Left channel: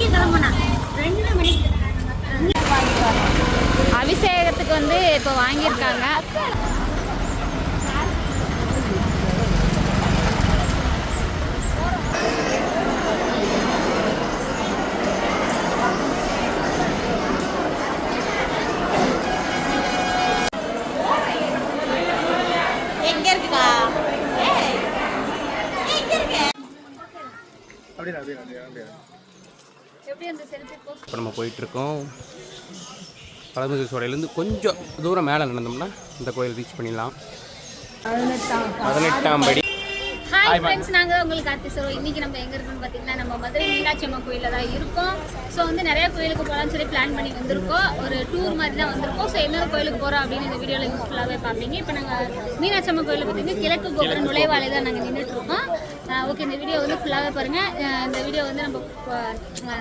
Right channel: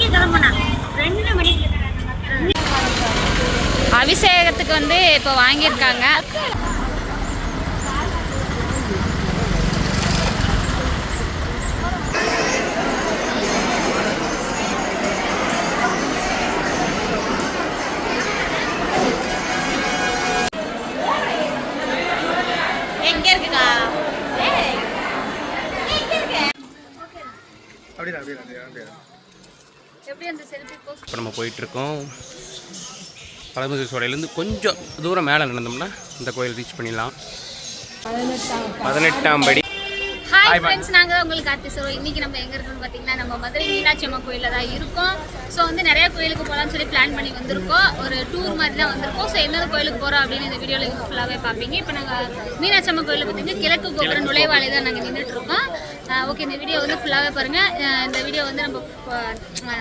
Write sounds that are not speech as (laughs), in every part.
மணிக்கு கிளம்புனா. ரெண்டு மணிக்கு அபிஷேகத்துக்கு வந்து இப்போ வாங்கியிருக்காங்க. அந்த செல்ஃபி போஸ்ட் இப்போ நம்ம போயிட்டுருக்கோம். பழமுதிர் சோலையிலேருந்து கொஞ்சம் தூரம் மேலே நடந்தோம்னா இந்த கோயில் ரீச் பண்ணிடலாம். பதினெட்டாம் படி. ஹாய் ஃப்ரெண்ட்ஸ் நாங்கள் உங்களுக்கு கார்த்தி சொல்லுவோம் இன்னைக்கு நம்ம எங்கே இருக்கோம்னு பார்த்தீங்கன்னா நம்ம மதுரை மீனாட்சி அம்மா கோயிலில் தான் இருக்கோம். ஸோ வந்து நிறைய கோயிலுக்கு போகலாம்னு சொல்லி பிளான் பண்ணி வந்திருக்கோம். ஒரு டூர் மாதிரி தான் வந்திருக்கோம். ஸோ என்னென்ன கோயிலுக்கு போகிறோம் அப்படின்னு இந்த வீடியோவில் ஃபுல்லாகவே பார்ப்பீங்க. இப்போ நாங்கள் மீனாட்சி அம்மா கோயிலில் பார்த்தீங்கன்னா கிழக்கு கோபுர நுழைவாலை தான் நாங்கள் நின்றுட்டு இருக்கோம். ஓகே இந்த வீடியோ வந்து ஃபுல்லாகவே பாருங்கள் இந்த வீடியோ வந்து நம்ம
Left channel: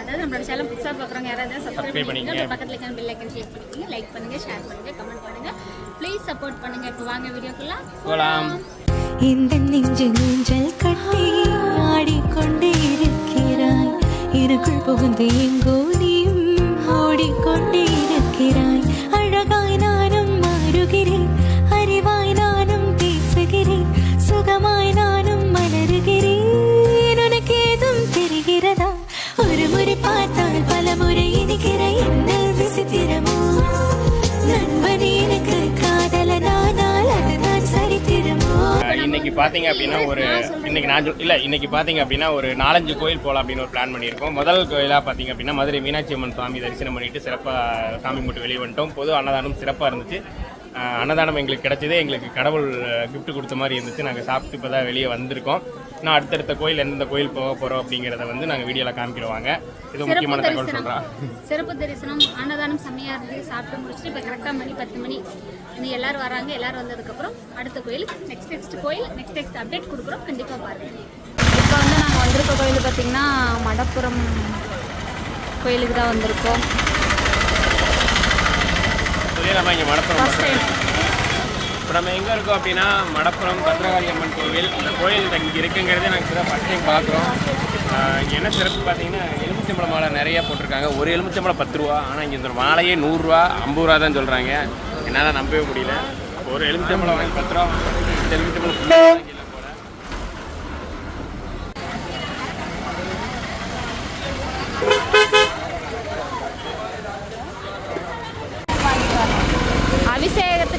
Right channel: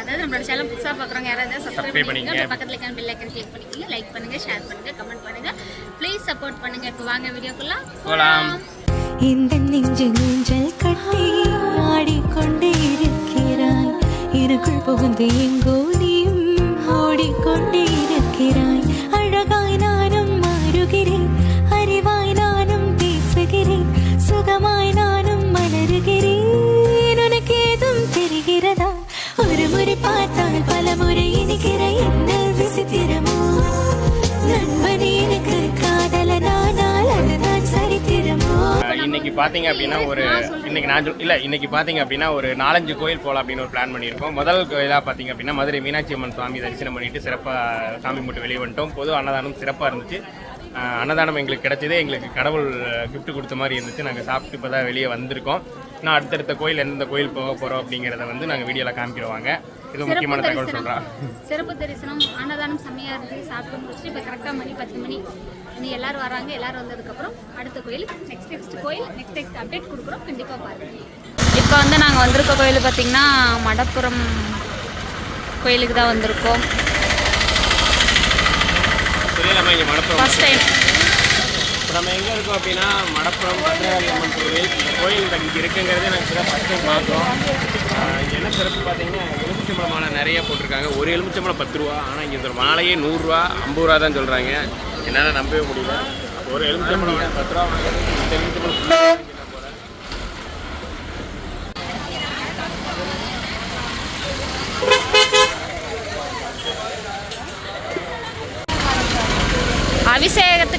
அதாவது நம்மளோட சேனல் புதுசாக பார்க்குறவங்க யாராவது சப்ஸ்கிரைப் பண்ணிக்கோங்க. பக்கத்தில் இருக்க பெல் ஐக்கன் கிளிக் பண்ணிக்கோங்க. லைக் பண்ணுங்கள் ஷேர் பண்ணுங்கள் கமெண்ட் பண்ணுங்கள் ப்ளீஸ் சப்போர்ட் பண்ணுங்கள் இப்போ வாங்க வீடியோக்குள்ள போலாம். இந்த நெஞ்சு ஊஞ்சல் கட்டி ஆடிக்கொண்டே இருக்கிறாய். இருக்குள் புகுந்து எங்கோ நீயும் ஓடிக்கொண்டே இருக்கிறாய். பார்த்தீங்க அப்படின்னா ஒரு இன்னைக்கு நான் சொல் இல்லை இன்னைக்கு பார்த்தீங்க அப்படின்னா ஒரு நாலஞ்சு கோயில் போகலாம் அப்படின்னு ஒரு பிளான் பண்ணியிருக்கோம். முதல் கோயிலாக பார்த்தீங்க அப்படின்னா மதுரை மீனாட்சி அம்மன் சுவாமி தரிசனம் பண்ணிட்டு சிறப்பாக சாமி மட்டும் வெளியே வந்துட்டோம். பொது அன்னதானம் சிறப்பாக இருந்துச்சு. அன்னதானம் எங்களுக்கு கிடச்சதே எங்களுக்கு கடவுள் கிஃப்ட் கொடுத்த மாதிரி இருந்துச்சு. நாங்கள் சாப்பிட்டு இப்போ தான் வெளியே வந்திருக்கோம். நான் அடுத்தடுத்த கோயில் எந்தெந்த கோயில் போக போகிறோம் அப்படிங்கிறத வந்து நாங்கள் வீடியோவில் காமிக்கிறோங்க இது முக்கியமான தகவல் சொல்கிறேன் சிறப்பு தரிசனம் அன்னதானம் செம்மையாக இருந்து சாப்பிட்டு முடிச்சுட்டு இப்போ கரெக்டாக மணி பத்து மணி. இனி எல்லாரும் வராங்க எல்லாரும் வந்ததுக்கப்புறம் அடுத்த கோயில் நெக்ஸ்ட் நெக்ஸ்ட் கோயில் நெக்ஸ்ட் நெக்ஸ்ட் அப்டேட் கொடுக்குறோம். கண்டிப்பாக பாருங்க. இப்போ வந்து நாங்கள் வந்திருக்க கோயில் பார்த்திங்கன்னா மடப்புரம் கோயிலுக்கு தான் வந்திருக்கோம். ஃபர்ஸ்ட் டைம் இப்போ நம்ம எங்கே இருக்கோம் அப்படின்னா மடப்புறம் பத்ரகாளி அம்மன் கோவில். இந்த கோயில் இங்கே இருக்குங்கிறதே நாங்கள் இப்போ ஃபஸ்ட் டைம் பார்க்குறோம் இங்கே என்ன சிறப்பு பார்த்தீங்கன்னா எலுமிச்சம்பழம் மாலை நிறைய போட்டிருக்காங்க. ஒரு எலுமிச்சம்பழம் பத்து ரூபா ஆனால் இங்கே இந்த மாலையே நூறுரூவா ஐம்பது ரூபா தான் சொல்கிறாங்க என்னால் நம்பவே முடியல. அப்போ ஒரு எலுமிச்சம்பழம் பத்து ரூபா வாங்க. எலுமிச்சம்பழம் full ஆ அபிஷேகத்துக்கு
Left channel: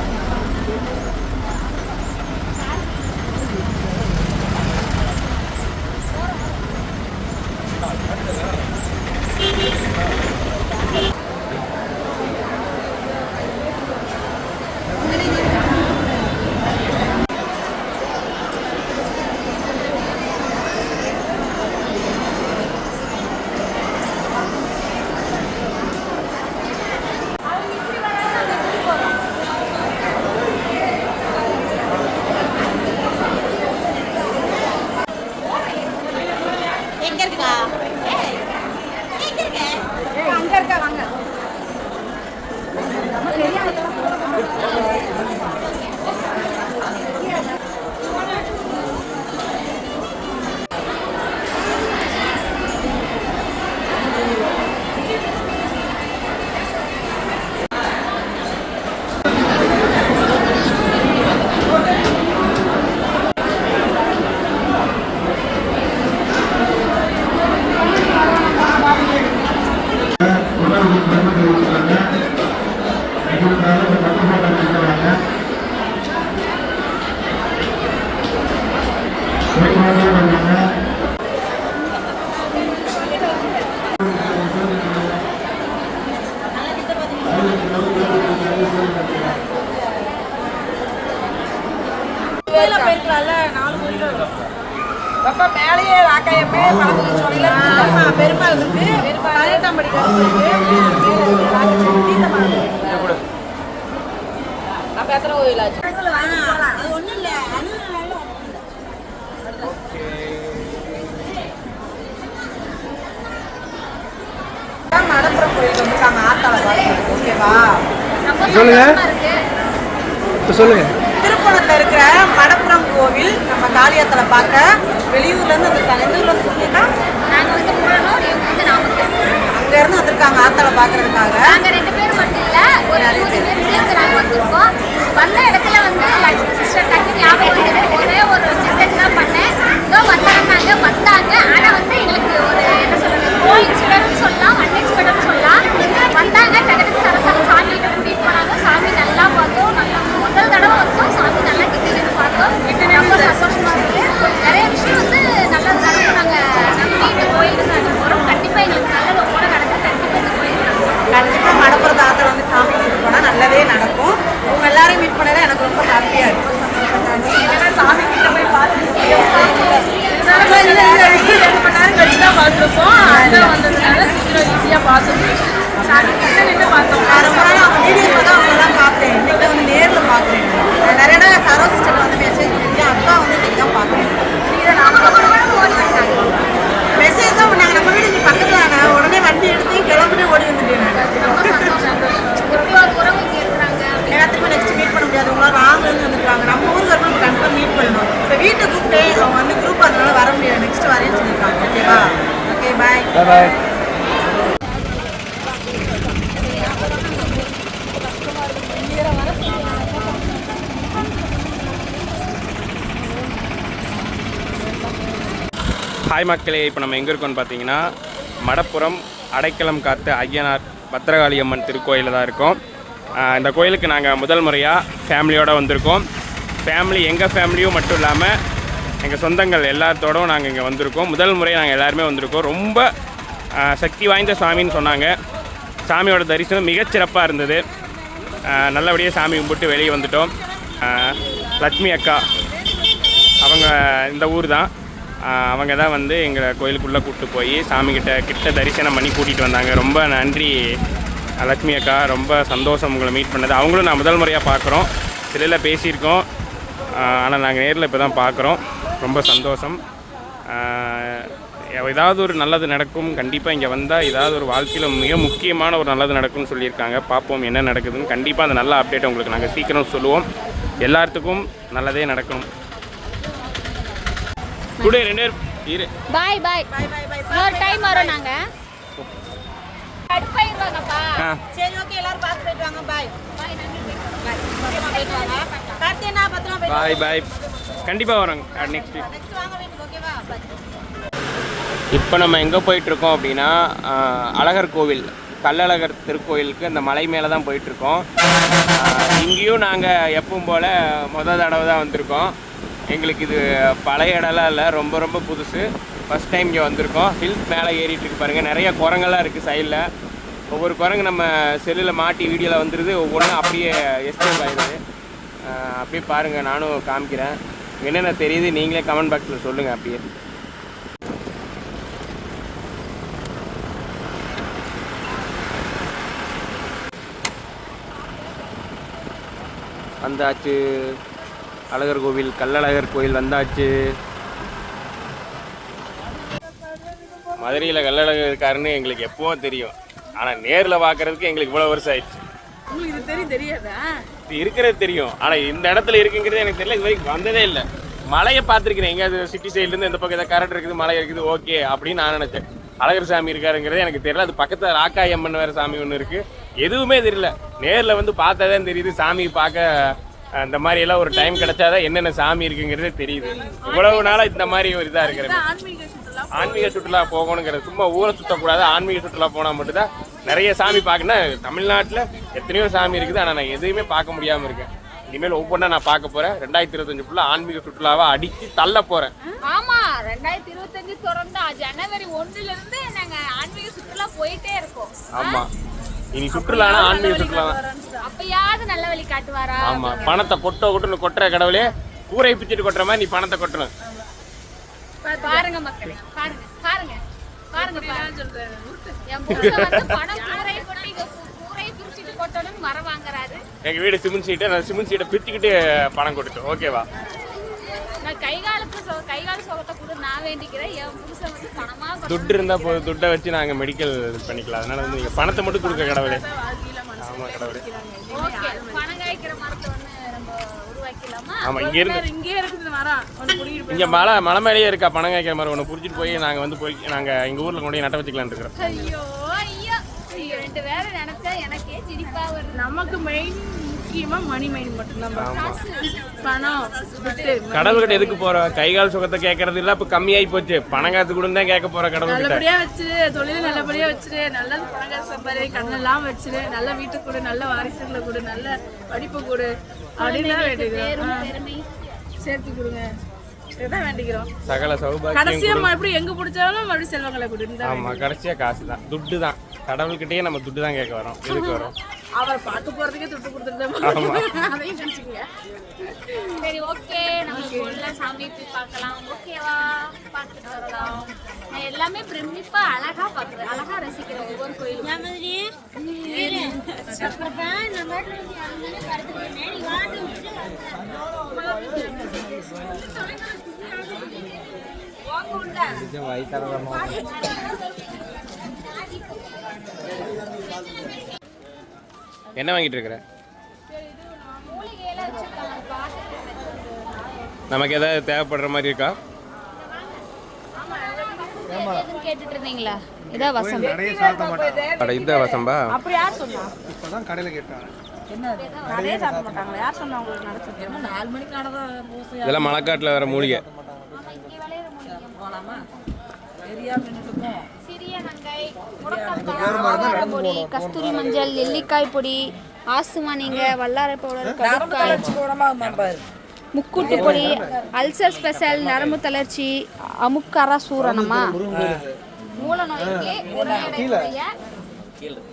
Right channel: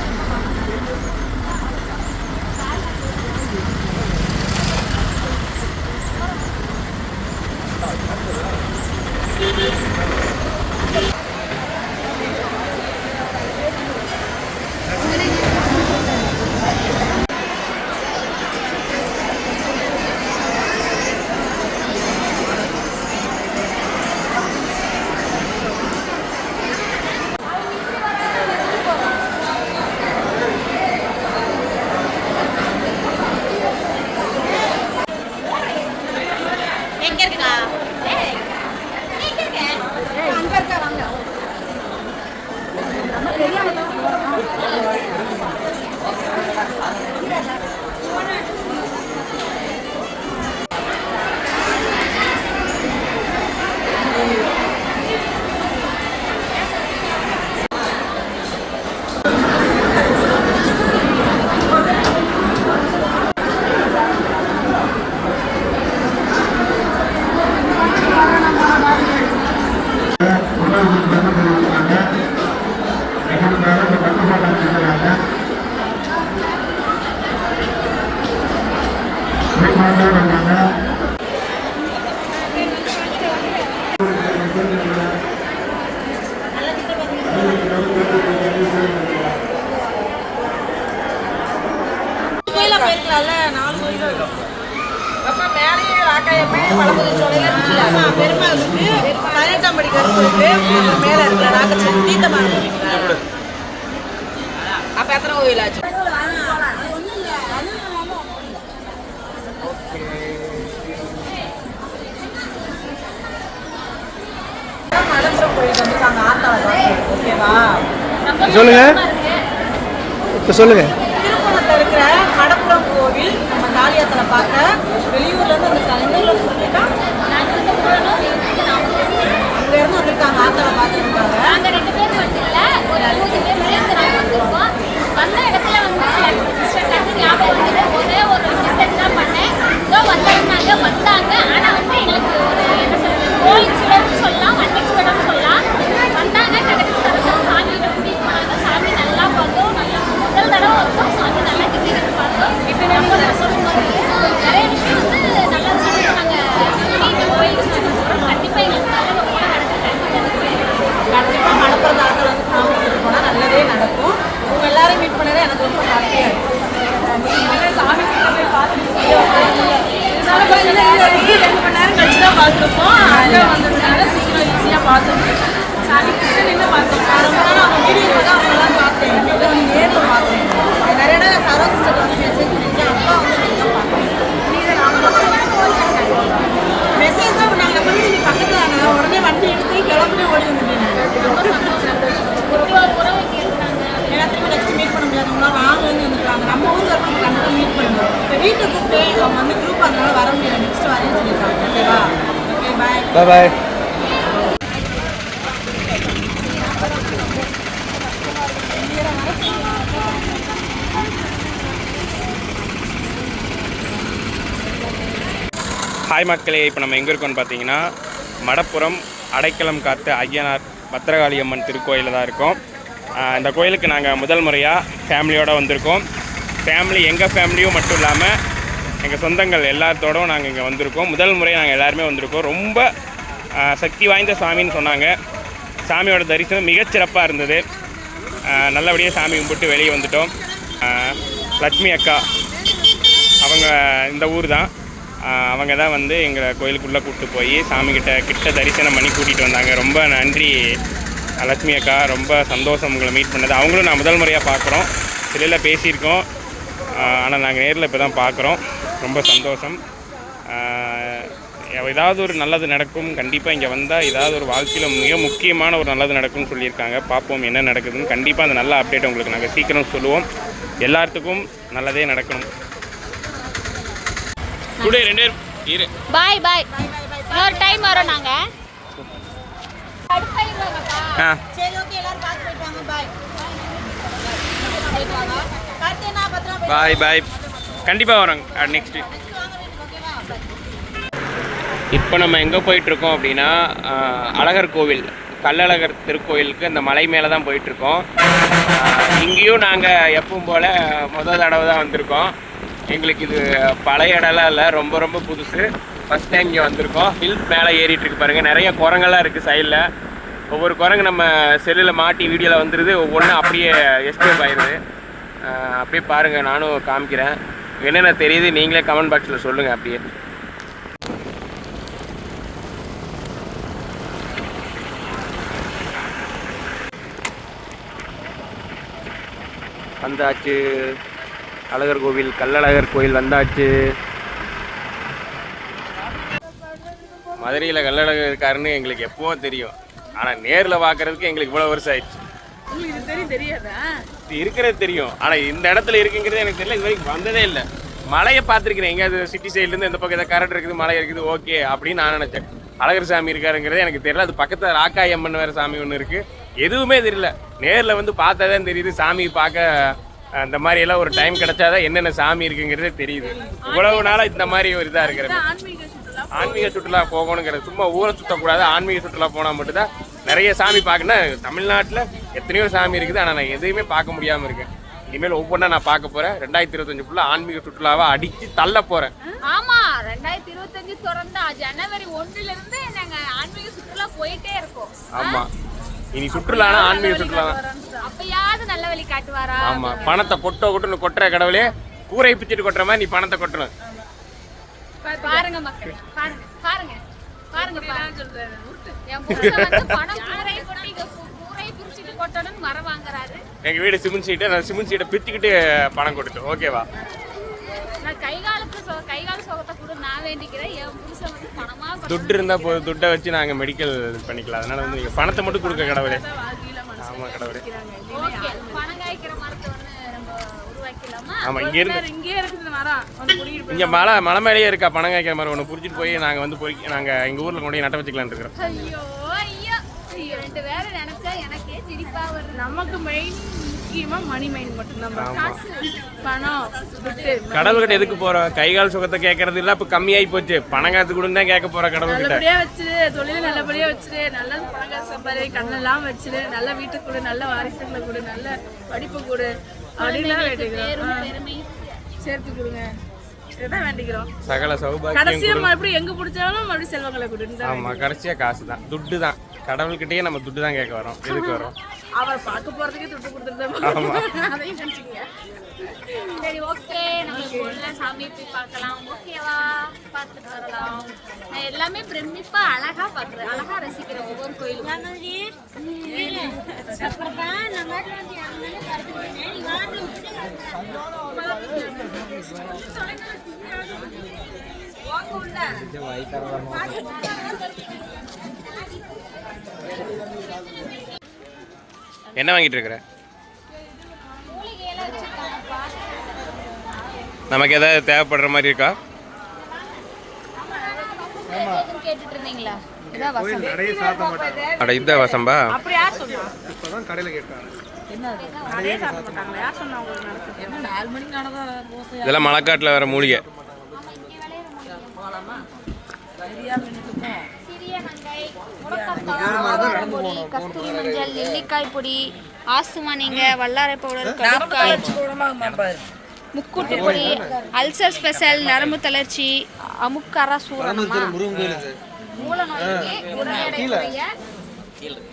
சேர்க்கலாம்ல ரொம்ப மேலேயே ராக்காயமே பெருமா இருக்கு பதினெட்டாம் படி கருப்பு தீர்த்தமா அப்ப எத்தனை கோயில் ஆச்சு? ஒன்றும் இல்லை மலம்புரம் கோயிலுக்கு ஓகேவா சொல்லுங்க. சொல்லுங்க. திருப்பணத்தில் இருக்கிற மடப்புறம் கோவில் நம்ம காளியாத்தலை பார்க்க. வெளியூர்லேருந்து வந்திருக்காங்க எந்த ஊர்ல நாமக்கல் அங்கேருந்து வந்திருக்காங்க ஆத்தாளை பார்க்கறதுக்காக. நாங்க ரெண்டு பேர் மட்டும் இல்ல ஒரு இருபது பேர் சேர்ந்து நாங்க வந்திருக்கோம். வந்து லக்ஷ்மி சிஸ்டர் டக்கு ஞாபகம் வந்தது ஒரே ஒரு மெசேஜ் தான் பண்ணேன் இதோ வந்துடுறாங்க வந்தாங்க ஆனா வந்து எங்களுக்கு ஒரு என்ன சொல்றது கோயின்சிடன்ஸ் சொல்லலாம் அன்எக்ஸ்பெக்டட் சொல்லலாம் வந்தாங்க டக்கு சரசர சாமி கிட்ட கூட்டிட்டு போனாங்க சாமி நல்லா பார்த்தோம் நல்லா முதல் தடவை வந்தோம் சாமி நல்லா கிட்ட கிட்ட பார்த்தோம் ரொம்ப சந்தோஷமா இருக்கு. நிறைய விஷயம் வந்து நல்லது நடக்கும். நாங்க நம்பி இந்த கோயிலுக்கு நாங்க போறோம். கண்டிப்பா எங்களுக்கு நல்லது கூட நடக்க கண்டிப்பா இந்த கோயிலுக்கு. கண்டிப்பாக மடப்புறம் ஆத்தாளை வந்து சாமி போனால் நல்லதே நடக்கும். உங்க எல்லாரையும் மீட் பண்ணல எனக்கு ரொம்ப ஹாப்பியாக இருக்கும் சாமி கிட்ட போய் தான் பார்த்துருப்போம். வந்ததுனால சீக்கிரம் ஈஸியாக பார்த்துருக்கோம் சாமி கிட்ட நின்று பார்த்தோம். வீடியோஸில் தான் அவங்க தான் பார்த்தேன் இன்னைக்கு வந்து நேரில் பார்க்குறேன். நிறைய இடம் சரோ சிஸ்டர் வந்து மெசேஜ் பண்ணியிருக்கேன் அப்பா வந்து இன்னைக்கு தான் மெசேஜ் தான் பண்ணாங்க. நம்ம வீடு நீ பக்கத்தில் தானே உடனே வண்டி எடுத்து கிளம்பிட்டு ஓடி வந்துட்டேன் திரும்ப நெக்ஸ்ட் மீட் பண்ண முடியாது. உங்களால் ராங்லேருந்து வந்துருக்காங்க நம்ம ஊருக்கு வரணும் நம்ம கண்டிப்பாக மீட் பண்ணணும். இப்போ வீட்டை கூப்பிட்டு அவங்க வந்து குரூப் அதனால வர முடியாது. நெக்ஸ்ட் வரேன்னு சொல்லியிருக்காங்க. ஓகேவா ஓகே பாய் பாய் பாய் ஹாய் மக்களே இப்போ நம்ம எங்கே இருக்கோம்னு பார்த்தீங்கன்னா மடப்புறம் அடைக்கலம் காத்து ஐயனார் பத்திரகாளி அம்மன் திருக்கோயிலில் தான் இருக்கோம். இந்த கோயிலுக்கு நாங்கள் முதல் முறையாக ஃபேமிலியோடு வந்திருக்கோம். ஃபேமிலி எங்கள் ஃபேமிலியும் மட்டும் இல்லாமல் எங்கள் சொந்தங்கள் எல்லாத்தோடும் நாங்கள் இங்கே வந்திருக்கோம். முதல் முறை நாங்கள் எல்லாருமே வந்திருக்கோம். ரொம்ப சக்தி வாய்ந்த சாமின்னு சொன்னாங்க. சாமியோட தரிசனம் மிகச்சிறப்பாக இருந்தது. நல்லபடியாக சாமி கும்பிட்டு வெளியே வந்துட்டோம். லக்ஷ்மி அக்கா அவங்க இந்த ஊர் தான். அவங்க தான் வந்து எங்களை கோயிலுக்குள்ளே கூப்பிட்டு போய் சாமிக்கிட்ட கிட்ட தரிசனம் பண்ணி கூட்டிகிட்டு வந்தாங்க. ரொம்ப நன்றி லட்சுமி அக்கா. ரொம்ப சந்தோஷம் உங்களை மீட் பண்ணது. அவங்களும் நான் முதல் முறையாக பார்க்குறோம். சிலையில் பேசியிருக்கோம். ஆனால் நாங்கள் நேரில் இப்போ தான் பார்க்குறோம். ரொம்ப சந்தோஷம். ஏதாவது ஒரு நல்லது நடக்கும். கண்டிப்பாக இங்கே வந்தால் ஏதாவது ஒரு வாழ்க்கையில் மிக முக்கியமான ஒரு நல்லது நடக்கும்னு சொல்லியிருக்காங்க. பார்ப்போம் என்ன நடக்குதுன்னு. கண்டிப்பாக அந்த நல்ல அப்டேட் உங்களுக்கு நாங்கள் சீக்கிரம் சொல்லுவோம். எல்லாத்துக்கும் நல்லதே நடக்கணும். கூட ரெண்டு இரு. பாய் பாய். இன்னொரு டைம் வரோம் நாங்க. கடுப்பாயிருவாங்கப்பா சரி ஓகே எல்லாரும் பார்த்து போயிட்டு வாங்க. பாய். போயிட்டு பாய் பாய். கண்டிப்பாக வரோங்க. நெக்ஸ்ட் இப்போ நம்ம எங்கே போயிட்டுருக்கோம் அப்படின்னா அழகர் கோவில் கள்ளழகர் திருக்கோயிலுக்கு இந்த மலை மேலே தான் போயிட்டுருக்கோம். இங்கேயும் நாங்கள் எப்பவும் போல் முதல் தடவை தான் வந்திருக்கோம். எங்களுக்கு இது பழைய இடம்லாம் இல்லை ரொம்ப ரொம்ப புதுசு. ஃபஸ்ட் டைம் இங்கே வந்திருக்கோம். ஹில்ஸ் மேலே ஏறிட்டு இருக்கு பாருங்கள் நிறைய குரங்கெல்லாம் இருக்குது சைடில் ஒவ்வொரு குரங்கு நம்ம செல்லில் மாட்டி வீடியோவில் வந்துடுது ஒவ்வொன்றும் அப்படியே எஸ்கேப் ஆயிடுது. அப்படியே பாருங்கள் நானும் காமிக்கிறேன். என்னென்ன தெரியுது நீங்களே கமெண்ட் பாக்ஸில் சொல்லுங்கள் அப்படியே. வந்தாச்சு. அழகர் கோவில் கள்ளழகர் கோயில் வந்தாச்சு. மதுரையில் கள்ளழகர் இருக்காருன்னு எங்களுக்கு எப்பவும் தெரியும். ஆனால் நேரில் பார்க்கறதுக்கு எங்களுக்கு இவ்வளோ வருஷம் ஆயிடுச்சு. இது தெரியும் தெரியாதா? இது இருக்கிறது தெரியும். ஆனால் இந்த இடத்துல இருக்குங்கிறது எனக்கு தெரியல இது வரைக்கும் வந்ததே இல்லை. மலையை பார்த்துருக்கிறேன். எங்கேயாவது சிட்டி சைட்லேருந்து இந்த பக்கம் ஏதாவது கரண்ட் இருக்குது மலை இருக்குது ஓகே அப்படின்னு நான் நினச்சேன். அழகர் சாமி இருக்காருங்கிறது எனக்கு தெரியல. அது பக்கத்தில் ராக்காய் அம்மன் வேறு சாமி ஒன்று இருக்குது எதுவுமே தெரியல. நேரில் வந்து பார்த்தா தான் தெரியுது சாமி பார்க்க அஹ், இந்த மாதிரி எல்லாம் ஒரு டைம் கிடைச்சாதான் என்னென்ன சாமி இருக்குங்கிறதே தெரியுது. இவ்வளவு நாளாக இந்த மாதிரி ஒரு இதாக இருக்கிற ஆன்மீக சுற்றுலா போகணுங்கிறது சும்மா ஊரை சுற்றக்கூடாது ஆன்மீக சுற்றுலா போனால் மட்டும்தான். நிறைய சாமி பார்க்கணும் தமிழ்நாட்டில் எத்தனையோ சாமி இருக்குது ஆனால் நான் எதையுமே பார்க்க முடியாமல் இருக்கேன். இனிமேல் ஒவ்வொன்றா நான் பார்க்க போகிறேன் ரெண்டாயிரத்தி இருபத்தஞ்சு ஃபுல்லாக ஆன்மீக சுற்றுலாவை அடித்து தள்ள போகிறேன் ஆமா ரெண்டாயிரத்தி இருபத்தஞ்சு திறந்தா ஜனவரி ஒண்ணுல இருந்து நாங்க ஆன்மீக சுற்றுலா போயிட்டே இருக்கோம். ஆமாம் இனி சுற்றுலானா ஆன்மீக சுற்றுலா. அப்பயாவது நல்ல வழி காட்டுவாரா? ஆமாம் பணத்தை கொட்ட கொட்டுன்னு கொட்டுற கடவுளே கூரை பிச்சுட்டு கொட்டுற மாதிரி நீ பணத்தை கொட்டணும். பாருங்க மக்களே பாருங்க பாருங்க பாருங்க பாருங்க. என் புருஷன் வந்து பணம் கூரை கொட்டி இங்க கூ- கூரையை பிரிச்சுட்டு கொட்டணும்னு மரம் வாங்குறாரு. எங்கள் வீடு சிமெண்ட் சீட்டை நான் சிமெண்ட் சீட்டை பிச்சுக்கிட்டு பணம் கொட்டுட்டோம் ஓகேவா? நான் கை காலத்து சொ- கை கால சுகத்தை கூட நான் வேண்டிக்கிறேன். என் புருஷன் வந்து பணமா கொடுக்கணும். துட்டு இருந்தால் போதும். துட்டை வச்சு நாங்கள் மெடிக்கல் பண்ணிக்கலாம். அதனால வந்து நீங்கள் பணத்தை மட்டும் கொடுக்க கடவுளே. ஆமாம் கடவுளே. ஓகே பணம் காய்க்கிற மரத்தை ஒன்று நம்ம உருவாக்கிடலாமா? ஆமாம் இங்கேருந்து இங்கே இருக்குது மரம் இங்கே மலை மலை மேலேயே இருக்கா? பணம் காய்க்கிற மாதிரி ஒன்று புடிச்சிட்டு போய் நாங்கள் வந்து போய் நாங்கள் எங்கள் ஊரில் கொண்டு போய் நட்ட வச்சுக்கலான்னு இருக்கிறோம். ஐயோ ஐயோ. நீங்க ரெண்டு பேரும் நினைச்சா எனக்கே சிரிப்பா வருது. நமக்கு மெயின் முக்கியமா மணி மைண்ட் மட்டும்தான். bro. காசு பணம் துட்டு கடவுள்கிட்ட எதுக்கு போகிறோம் கை கால் சுகத்தை கேட்கறது இல்லை இப்போ கம்மியாகி போச்சு. பணம் காத்து கொடுன்னு தான் கேட்க போகிறோம் கடவுள்கிட்ட. நல்லபடியா வச்சிரு தொழில் நல்லபடியா வச்சிரு. நல்ல பணக்கார சம்பாதி கண்ணெல்லாம் வச்சிரு. நல்ல வீட்டுக்கு கொடு நல்ல வாரிசுகளை கொடு நல்ல படிப்பு கொடு. குழந்தைங்களுக்கு. பேரும் பெருமை. சேர்த்து கொடுங்க. வேண்டிக்கிறோம். சகல சௌபாக்கியம் கடைசியா கொடு மறுபடியும் எங்க பிடிச்சாலும் மறுபடியும் செல்வங்களை கொடுன்னு ஆமாம் கடைசியாக காசு தான் துட்டு தான் கடவுள்கிட்டயே நம்ம துட்டு தான் கேட்க வரோம். எதுக்கு (laughs) வரோம்? அவர் பார்க்க போறதுக்கே துட்டு கொடுத்துட்டு ஆமா. அதையும் நினைச்சுக்கோங்க. சரி ஓகே நம்ம உள்ள சாமி போய் பார்க்கலாம். ஓகேவா பார்த்துட்டு வரலாம். நான் எல்லாமே பிரமிப்பா அழகா பார்க்குறேன். அழகா ரசிக்கிறேன் ஒவ்வொரு கோயிலும். என்ன வாங்கிட்டு இருக்கிற நமக்கு ஏதாவது தேவைப்படுற மாதிரி இருக்கா? அட இதா வசம்பா. இதெல்லாம் மழைக்காட்டில் வர மூலிகை தான் கடையில் கேட்டாங்க என்னது நிறைய சாப்பிட மாட்டாங்க யார் சொன்னா உங்களுக்கு நடக்குது என்ன நாலு மணிக்கு நடந்தா தோசை இதெல்லாம் மழைக்காட்டில் வர மூலிகை ஆமா இங்கே விளையிற மூலிகை போலாமா சரியா நின்றுட்டு சிறிய நங்கை முடக்கத்தான் ஆவாரம் பொடி கஸ்தூரி மஞ்சள் நெல்லிக்காய் பொடி ஆசுமணிங்க வல்லாரை பவுடர் கடுக்காய் முக்கூட்டு பொடி அல்சர் ஸ்பெஷல் நரம்பு தளர்ச்சி அமுக்கர சூரணமா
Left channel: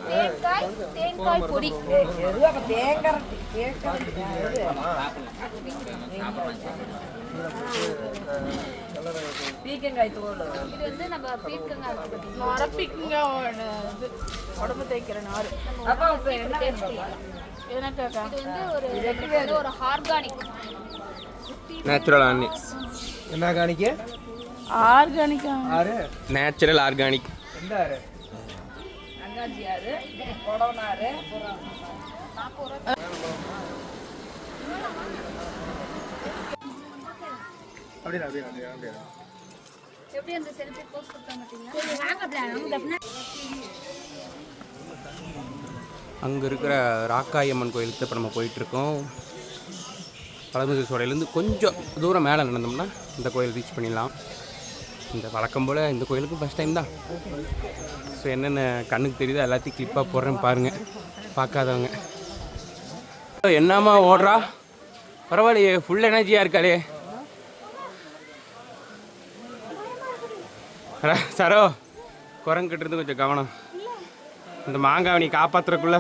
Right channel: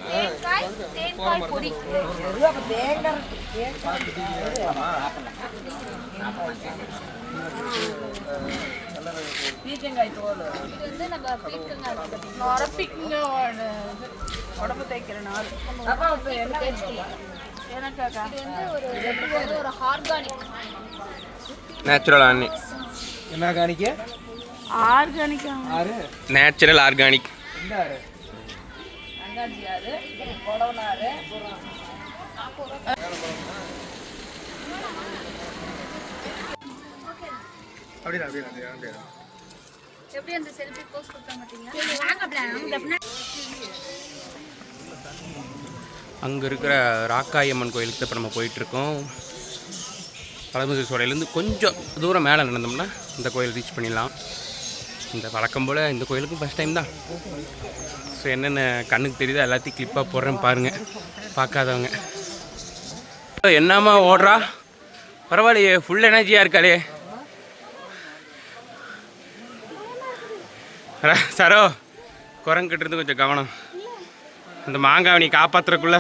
தேங்காய் தேங்காய் பொடி. பீக்கங்காய் தோல். இது வந்து நம்ம பீர்க்கங்காய் இருக்குது. நரப்பிக்குங்க உடம்பு தேய்க்கிற நார். அப்புறம் இப்போ என்ன எனக்கு இது வந்து ஒரு இது வந்து ஒரு ஆர்கானிக். நேச்சுரல் ஆர்னி என்ன காணிக்க ஆர்கானிக் ஆறு. நேச்சுரல் ஆர்கானிக் எந்த ஆறு? அங்காஞ்சி ஆறு கொடவனாறு அப்படியே அப்படியே அப்படியே அப்படியே. எப்படி அந்த செல்ஃபி போஸ்ட் கொடுத்தா பார்த்தீங்களா அங்கே இருக்கிற ராக்காயம்மன் கோயிலுக்கு இப்போ நம்ம போயிட்டுருக்கோம் பழமுதிர் சோலையிலேருந்து கொஞ்சம் தூரம் மேலே நடந்தோம்னா இந்த கோயில் ரீச் பண்ணிடலாம். இந்த வழக்கம் போல் இந்த கோயிலுக்கும் ஃபஸ்ட் டைம் தான். ஸோ என்னென்ன கண்ணுக்கு தெரியுதோ எல்லாத்தையும் கிளிப்பாக போடுறேன் பாருங்கள் பார்க்காதவங்க. என்னம்மா ஓடுறா? பரவாயில்லையே ஃபுல் எனர்ஜியாக இருக்காளே. சரோ குரங்கிட்ட இருந்து கொஞ்சம் கவனம். அந்த மாங்காவை நீ காப்பாத்துறக்குள்ள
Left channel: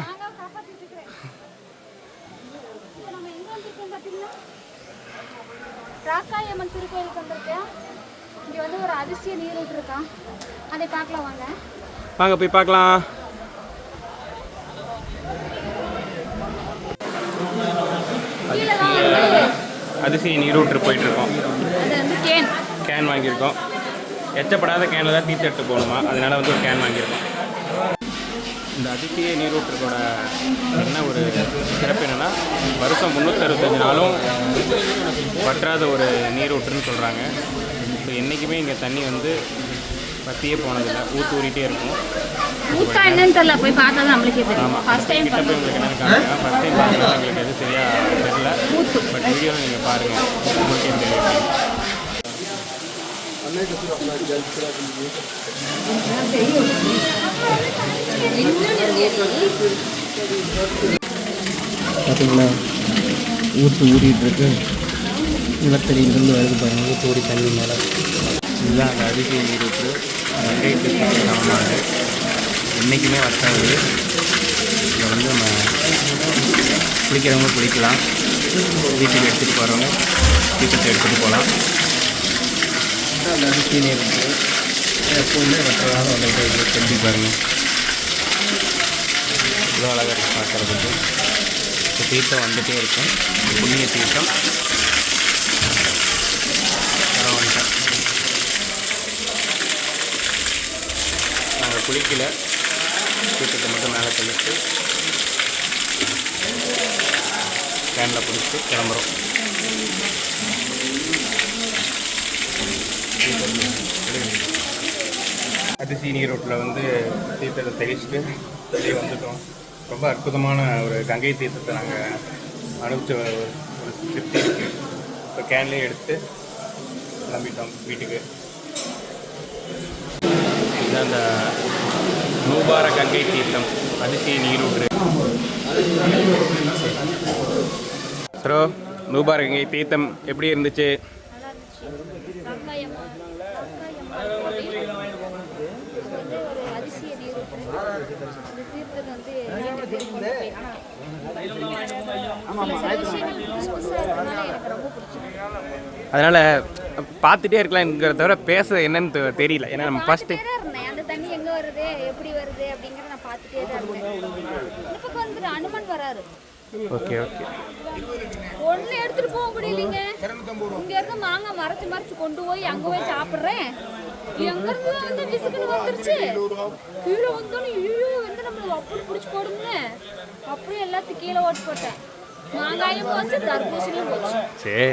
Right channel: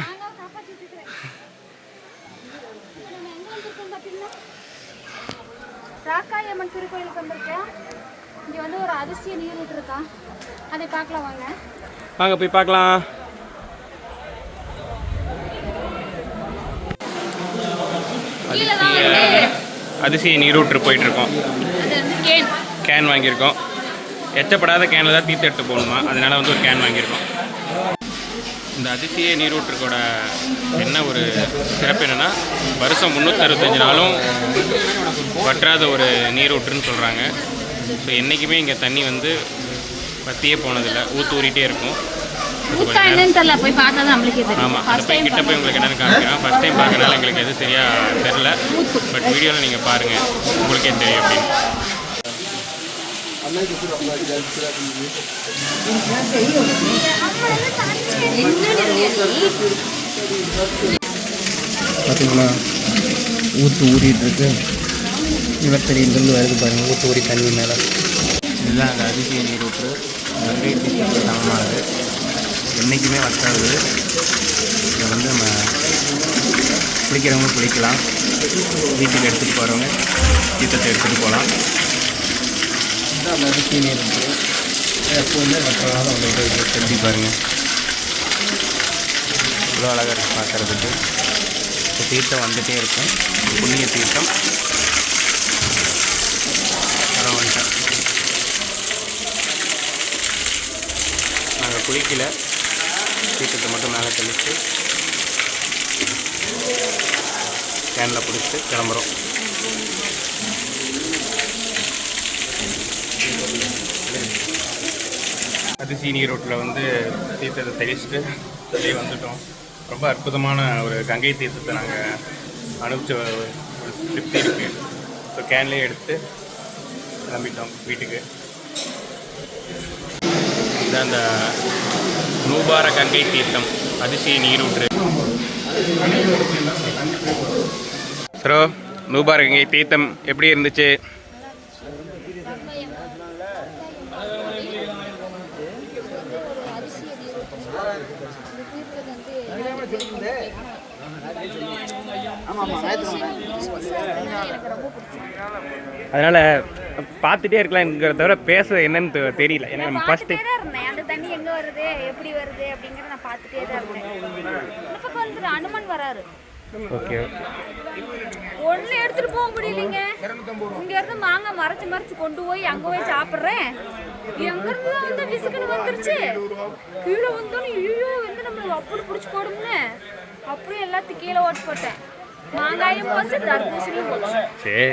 ராக்காயம்மன் திருக்கோயிலுக்கு வந்திருக்கேன். இங்கே வந்து ஒரு அதிசய நீரூற்று இருக்கா? அதை பார்க்கலாம் வாங்க. வாங்க போய் பார்க்கலாம். அதிசய அதிசய நீரூற்று போயிட்டு இருக்கோம். கேன் வாங்கியிருக்கோம். எச்சப்படாத கேனில் தான் தீர்த்து எடுத்து போகணுமா? அதனால வந்து ஒரு கேன் வாங்கியிருக்கோம். இந்த அதிசய நீரூற்றுக்கோட என்ன ஒரு சிறப்பு என்னென்னா வருஷம் முந்நூற்றறுபத்தஞ்சு நாளும் வற்றாத ஒரு நீரூற்றுன்னு சொல்கிறாங்க ஸோ என்றைக்குமே இங்கே தண்ணி வந்து வத்தியே போனதில்லை. ஊற்று ஊறிட்டே இருக்கும். ஆமாம் அந்த போய் கிட்ட போய் உங்களுக்கு என்னென்னு காமிக்கிறேன். ஃபஸ்ட் டைம் பார்க்கறனால எங்களுக்கு எதுவும் சரியாக தெரில பட் வீடியோவில் நீங்கள் பாருங்கள் உங்களுக்கே தெரியும் அப்படின்னு. பார்த்தீங்களா ஊற்று ஊறிட்டுருக்கு இருக்கு. நிலத்தடியிலிருந்து வருது பாருங்கள் ஊற்று ஊறி தண்ணி மேலே. இதுதான் அந்த அதிசய நீரூற்று கங்கை தீர்த்தத்துக்கு சமமானது என்றைக்குமே வற்றாது. இதை வந்து நம்ம குளிக்கிறவங்க குளிக்கலாம். வீட்டுக்கு எடுத்துகிட்டு போகிறவங்க தீர்த்தத்தை எடுத்துகிட்டு போகலாம். எல்லாமே கீழே இருந்து எப்போதுமே வெட்டலான ஒரு பாருங்கள் இவ்வளோ அழகாக இருக்குது பார்க்குறதுக்கு. இப்போ தீர்த்தம் வந்துகிட்டே இருக்கும். புண்ணிய தீர்த்தம். வரவன்ட்டேன் நாங்கள் குளிக்கல. தீர்த்தத்தை மட்டும் மேலே தெளித்து கேனில் பிடிச்சி கிளம்புறோம். அதிசி நீரோட்டில் வந்து தீர்த்தத்தை தெளிச்சுட்டு வெளியே வந்துட்டோம். ரொம்ப அற்புதமான ஒரு கங்கை தீர்த்தத்தை நாங்கள் அனுப்பிச்ச ஒரு ஒரு திருப்தி இருக்குது ஸோ கேன்லேயே எடுத்து கிளம்பிட்டோம் வீட்டுக்கு. இதுதான் அந்த நூபார கங்கை தீர்த்தம். அதிசய நீரூற்று சரோ நூபார கங்கை தீர்த்தம் எப்படி இருந்துச்சு ஒரு அரிசியை நீர் அந்த தீர்த்தம் வந்து நீர் கொண்டு போய் சில சில விஷயங்கள் புதுசு புதுசாக இருக்கனால எனக்கு ரொம்ப பிடிச்சிருக்கு அதனால் பார்த்துட்டே இருக்கலாம்ங்கிறத தவிர பேச என்னன்னு தெரியல. ஏன்னா நம்ம இருந்தேன். அந்த தண்ணி எங்க வருது எப்படி வருது அப்படிங்கறத நான் பார்த்துட்டே தான் இருந்தேன். இந்த பக்கம் வந்து அனுமன் வராரு. Okay okay. ஒண்ணு எடுத்துட்டு போக முடியலைங்க. இங்க இருந்து மாங்காய் மறைச்சு மறைச்சு கொண்டு போய் அங்க போய் சாப்பிடுறேன். எங்க இருந்து வந்து விசுக்குன்னு வந்துருச்சு? கீழே வந்தோன்னு ஐயோ வந்து நம்மள அப்படி பிடிச்சி போடும்னு. அப்படியே எல்லாத்தையும் கீழே ஓட்டு போட்டேன். மாங்காயும் போச்சு தர்பூசணியும் போச்சு சரி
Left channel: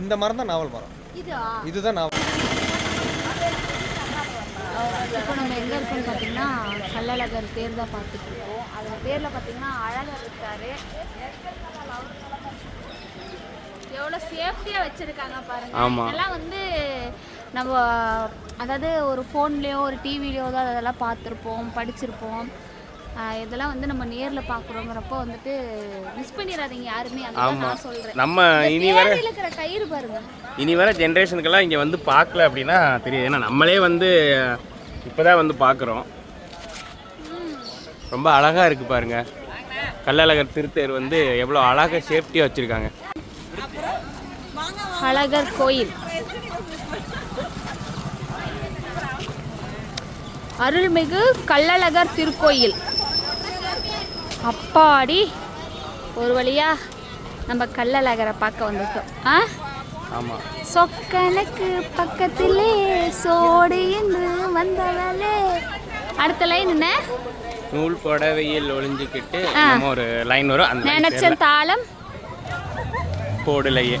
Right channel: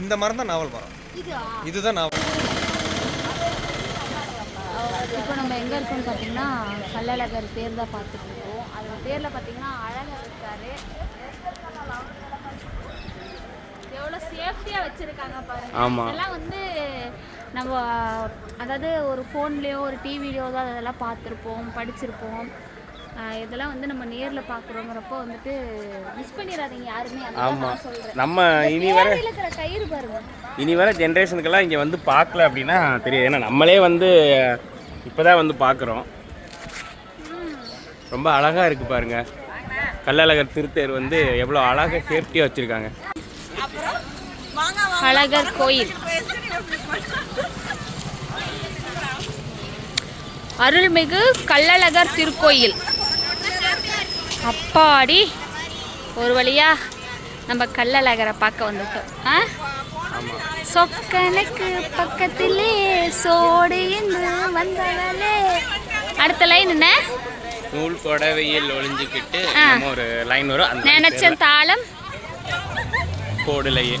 இந்த மரம் தான் நாவல் மரம் இதுதான் நாவல். இப்போ நம்ம எங்கே இருக்கோம்னு பார்த்தீங்கன்னா கள்ளழகர் பேர் தான் பார்த்துட்டு இருக்கோம் அதில் பேரில் பார்த்தீங்கன்னா அழகர் இருக்காரு. எவ்வளோ சேஃப்டியாக வச்சுருக்காங்க பாருங்க. ஆமா. இதெல்லாம் வந்து நம்ம அதாவது ஒரு ஃபோன்லேயோ ஒரு டிவிலையோ தான் அதெல்லாம் பார்த்துருப்போம் படிச்சிருப்போம். இதெல்லாம் வந்து நம்ம நேரில் பார்க்குறோங்கிறப்போ வந்துட்டு மிஸ் பண்ணிடாதீங்க யாருமே. ஆமாம் சொல்கிறேன் நம்ம இனி வர இருக்கிற கயிறு பாருங்க. இனி வர ஜென்ரேஷனுக்கெல்லாம் இங்கே வந்து பார்க்கல அப்படின்னா தெரியாது. ஏன்னா நம்மளே வந்து இப்போ தான் வந்து பார்க்குறோம். ரொம்ப அழகாக இருக்குது பாருங்க. கள்ளழகர் திருத்தேர் வந்து எவ்வளோ அழகாக சேஃப்டியாக வச்சுருக்காங்க. அழகர் கோயில். அருள்மிகு கள்ளழகர் திருக்கோயில். அப்பாடி ஒரு வழியா நம்ம கள்ளழகரை பார்க்க வந்துட்டோம். ஆ? சொக்கனுக்கு பக்கத்திலே சோடு என்று வந்தவளே. அடுத்த லைன் என்ன? நூல் புடவையில் ஒளிஞ்சிக்கிட்டு ஒரு லைன் வரும். அந்த நினைச்ச தாளம். கோடுலையே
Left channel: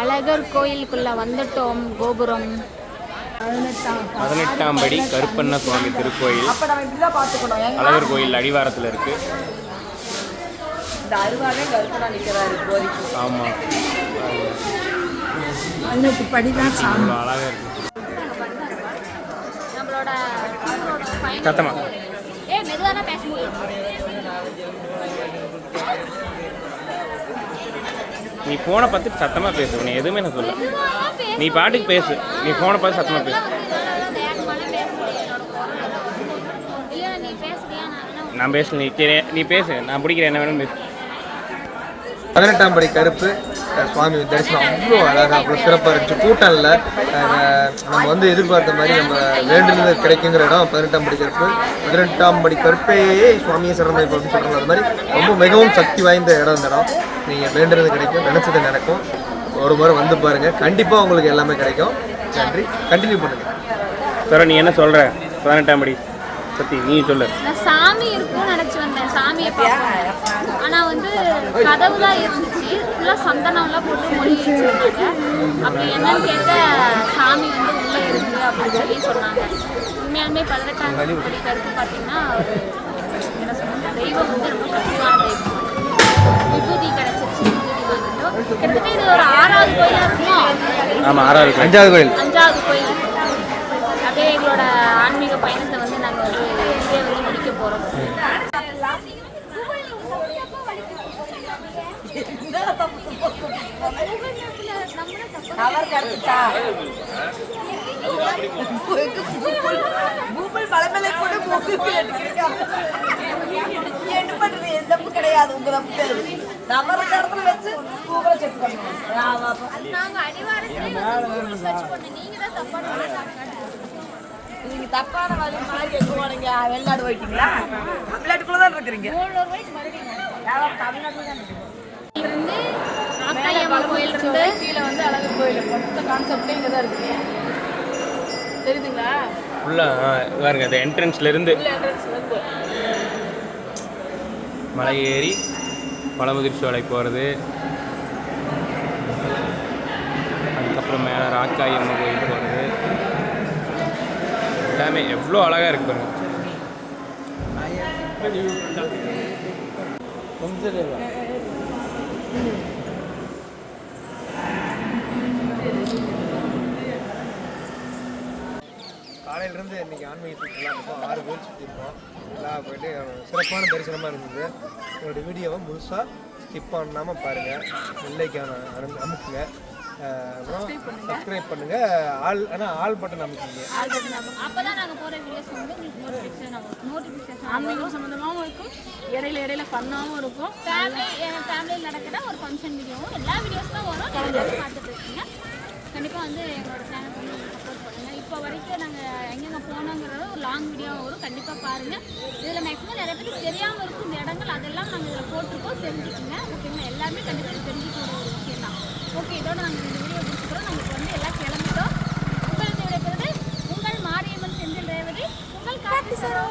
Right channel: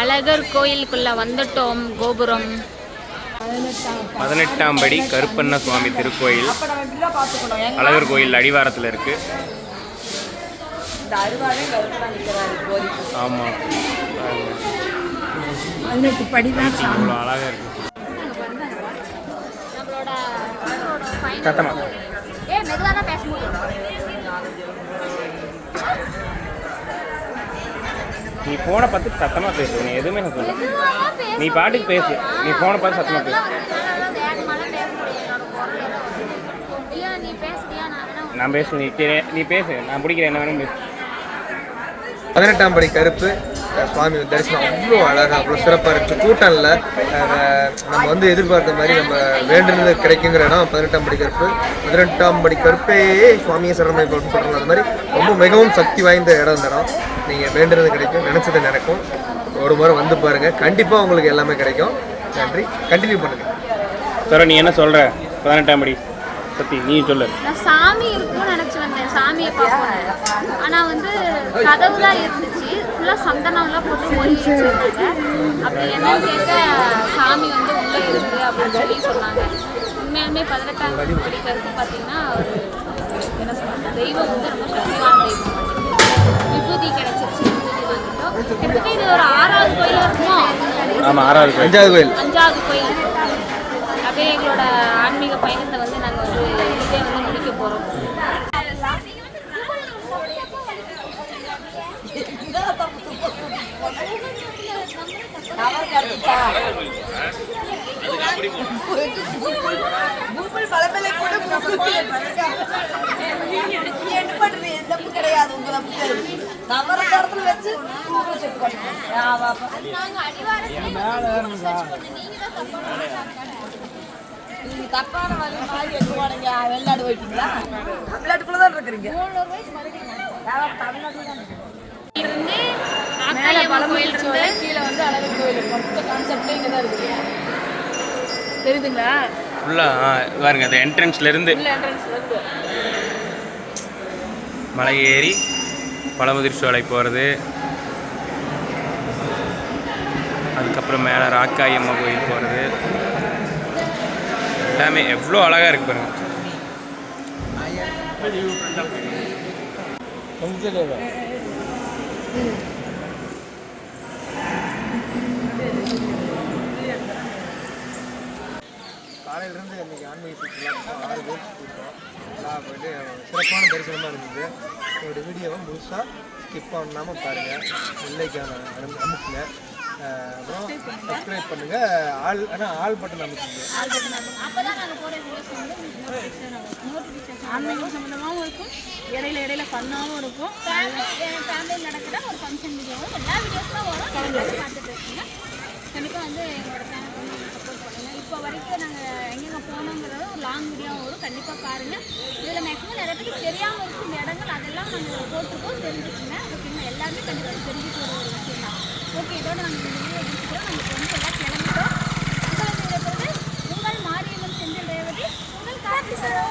அழகர் கோயிலுக்குள்ள வந்துட்டோம் கோபுரம். பதினெட்டாம் படி கருப்பண்ண சுவாமி திருக்கோயில். அழகர் கோயில் அடிவாரத்தில் இருக்கு. ஆமாம் இவ்வளோ அழகாக இருக்கு. நம்மளோட டூரோட ஃபைனல் சத்தமா. ஏ மெதுவாக தான் பேச முடியும். நீ ஃபோனை பார்த்து சத்தமாக பேசு நீ எதுவுமே நான் சொல்ல நீ பாட்டுக்கு பேசு. நீ ஃபோனை பார்த்து சத்தமாக பேசு. நான் பேச நீ நீ பேசு. நான் பிடிக்கிறேன் என்ன வேணும் பேசு. பதினெட்டாம் படி கருப்பு. சுவாமி தரிசனம் அவ்வளோ அழகாக அவ்வளோ சிறப்பாக இருந்துச்சு. கூட்டம் இல்லை நம்ம வந்து எதிர்பார்த்த மாதிரி நம்ம வேண்டுனது கிடைக்குங்கிற இடம் பதினெட்டாம் படி கருப்பு. பதினெட்டாம் படி கருப்பே சுவாமியை போட்டு சொல்கிறோம் அது மாதிரி ரொம்ப மிகவும் சக்தி வாய்ந்த இடம் இந்த இடம். நீங்கள் வேண்டுனது கிடைக்கும் நினச்சது நடக்கும். ஒரு முறை வந்து பாருங்கள் கண்டிப்பாக உங்களுக்கு எல்லாமே கிடைக்கும். நன்றி. கண்டினியூ பண்ணுங்கள் சார் நீ என்ன சொல்கிற பதினெட்டாம் படி. சத்தி நீ சொல்லு. நான் சாமி இருக்கும்னு நினச்சி வந்தேன். சாமியை பார்ப்போன்னு ஆனால் வந்து கதவு தான் இருந்துச்சு. ஃபுல்லாக சந்தனம்லாம் போட்டு மொழி வச்சுருந்தாங்க. அப்படி என்னன்னு கேட்க சாமி வந்து உள்ளே இருக்கு அப்படின்னு சொல்லி சொன்னாங்க. உண்மையாலுமே பதினெட்டாம் படி கருப்பு பார்த்தீங்கன்னா ஒரு என்ன சொல்றது தெய்வம் வந்து ரொம்ப சக்திவான தெய்வம் விபூதி கிடச்சிருச்சு விபூதி வந்துட்டோம். கிட்டத்தட்ட இது ஒரு ஆறாவது கோயிலாக இருக்குமோ? ஆமாம் ஆறாவது கோயில். அஞ்சாவது கோயில். அஞ்சாவது கோயில். அப்படியே எங்களோட ஆன்மீக பயணத்தை வந்து நாங்கள் வந்து இதே வந்து முடிக்க போகிறோம் கூகுள் பலமலை கூட என்ன பண்றது தப்பு கிடையாது உங்க தப்பு இருக்க இடத்துல வச்சு கூகுளை செக் பண்ணுவோம் அடிவாரத்திலே வந்து சர்ச் பண்ணோம் நீங்கள் தான் தப்பான நீங்க தப்பான வழி மாதிரி எங்க போனீங்க வெளிநாடு போயிட்டீங்களா தமிழ்நாட்டுக்குள்ள தான் இருக்கிறீங்க தமிழ்நாட்டுல தான் இருக்கீங்க இருந்து ஆக்காயம்மன் கோயில் இருந்து கீழே வந்து அழகு கோயில். மொத்த கான்செப்ட் இங்கே தான் இருக்குது தெரியுதுங்களா? ஃபுல்லாக பாருங்க அந்த என்ட்ரன்ஸ்லேருந்து மலை ஏறி பழமுதிர் சோலை போகிறது அதுக்கப்புறம் மேலே ராக்காயம்மா கோயில் போகிறது எல்லாமே எவ்வளோ அழகாக இருக்கு பாருங்க. கொஞ்சம் காலையிலேருந்து இன்னைக்கு ஆன்மீக சுற்றுலா மொத்தம் ஆறு பேர் சுற்றிருக்கோம் எல்லாம் போயிட்டு சிறப்பான தரிசனமாக இருந்தது. என்னோட வீடியோவை முழுசாக ஸ்கிப் பண்ணாமல் பாருங்கள் வெள்ளைக்கான அனு அமுக்குங்க. அப்புறம் சப்ஸ்கிரைப் பண்ணுங்கள் ஆள் ஆனால் ஆள் பட்டன் அமைக்குங்க ஆன்மீகம் சம்மந்தமாகவும் இருக்கும். இடையில இடையில ஃபன்னாகவும் இருக்கும். ஃபேமிலி ஃபேமிலியில் நடக்கிற ஒரு ஃபங்க்ஷன் வீடியோவும் எல்லா வீடியோஸும் வரும் நீங்கள் எல்லாரும் பார்த்துட்டு இருக்கீங்க. கண்டிப்பாக வந்து எங்களோட சேனல் வந்து இப்போ வரைக்கும் நாங்கள் எங்கெங்கே போனோங்கிறத ஒரு லாங் வீடியோ வரும். கண்டிப்பாக பாருங்கள் இதில் மேக்ஸிமம் நிறைய பேருக்கு தெரியாமல் இருக்கும் இந்த இடங்கள். அதெல்லாம் நாங்கள் இதில் போட்டிருக்கோம். தெரிஞ்சுக்கோங்க ஓகேங்களா எல்லாருமே கண்டிப்பாக தெரிஞ்சுக்கிற ஒரு விஷயம் தான். ஓகே இதோட நாங்கள் இந்த வீடியோ முடிச்சுக்கிறோம். நாங்கள் இப்போ வந்து எல்லாம் கிளம்புறோம் உங்களுக்கு விடைபெறுவது உங்கள் மாரியம்மன் செந்தில் ரேவதி. உங்கள் காட்டு சரோ.